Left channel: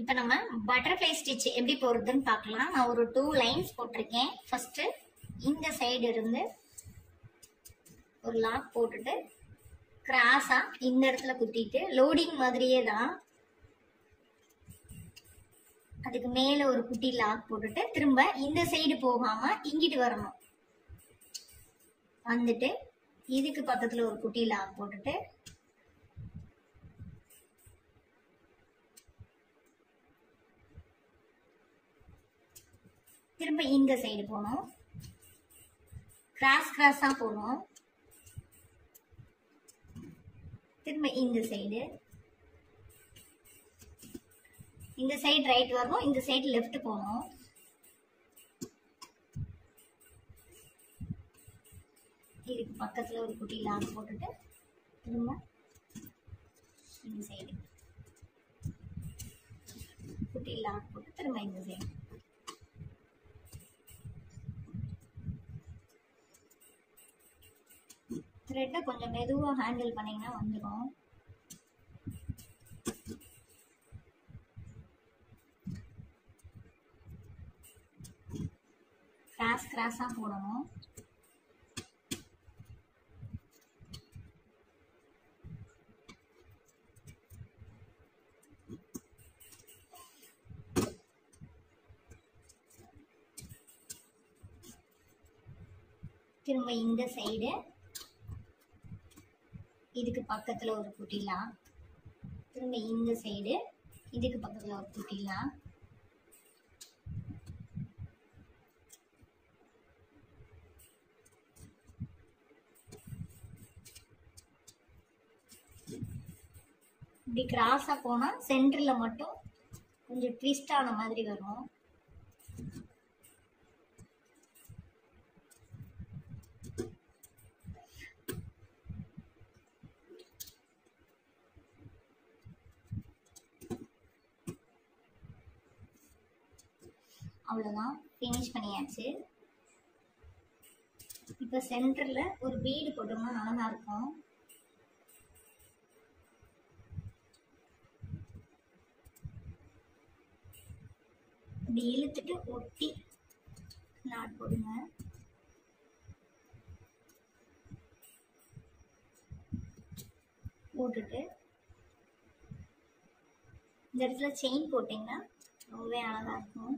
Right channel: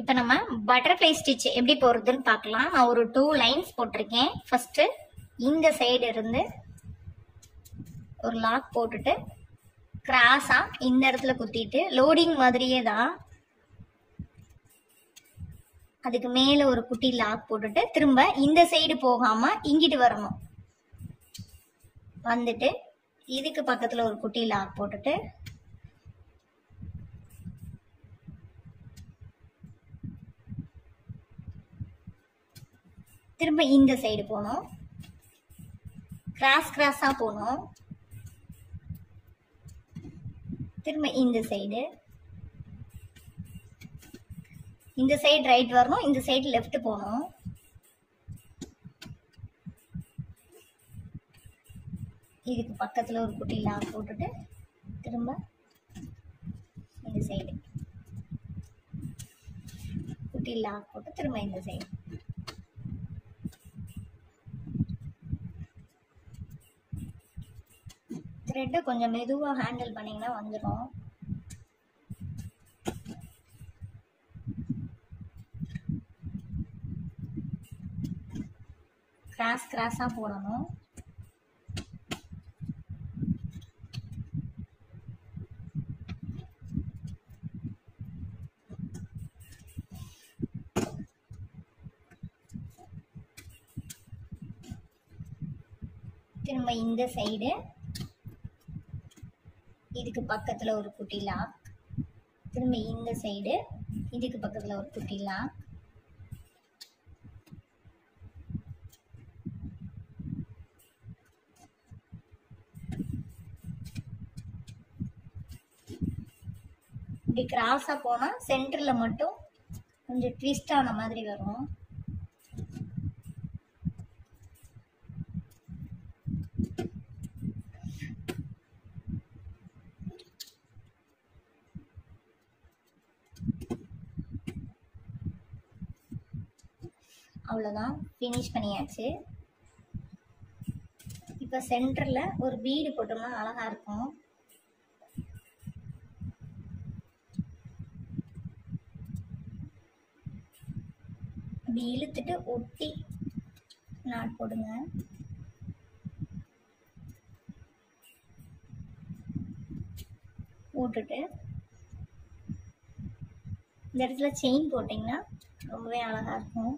இப்போ நம்ம butterfly stitch எப்படி போடுறதுன்னு பார்க்கலாம். நான் ஒரு 2 லைன்ஸ் போட்டிருக்கேன். ஃபர்ஸ்ட் இந்த சைடு இருந்து ஒரு லாக் போட்டுட்டு கிராஸா இந்த இடத்துல குத்திட்டு லோடிங் மாதிரியே தான் அதுக்கு மேல ஒரு குட்டி லாக் போட்டுட்டு திரும்ப இந்த சைடு போகாம இங்கிட்டு வரணும். வந்துட்டு இதுக்கு பக்கத்துல ஒரு குட்டி லாக் போட்டுட்டு திரும்ப இந்த சைடு போகணும். கிராஸ் கிராஸா போகணும். திரும்ப இந்த சைடு ரைட் வரணும். இந்த சைடு லெஃப்ட் போகணும். இதுக்கு பக்கத்துல ஒரு குட்டி லாக் போட்டுட்டு திரும்ப இந்த சைடு குட்டி லாக் போட்டு திரும்ப இந்த சைடு. த்ரெட்டை கொஞ்சம் மெதுவா ஹேண்டில் பண்ணீங்கன்னா வந்துடும். கிராஸ் கிராஸா போடணும். திரும்ப இந்த சைடு இதுக்கு பக்கத்துல ஒரு குட்டி லாக். திரும்ப இந்த சைடு இதுக்கு பக்கத்துல ஒரு குட்டி லாக். இப்படி கிராஸா போனா சென்டர்ல மட்டும் கொஞ்சம் ட்விஸ்ட் ஆன மாதிரி வரும். அவ்வளோதான், ஃபினிஷ் பண்ணியாச்சு. இப்போ சென்டர்ல ஒரு பீடு போட்டோம்னா அழகா இருக்கும். இப்படி இழுத்துட்டு ஒட்டி நாட் போடுங்க. போட்டுட்டு இந்த இடத்துல செயின் போட்டிங்கன்னா ரொம்பவே அழகா இருக்கும்.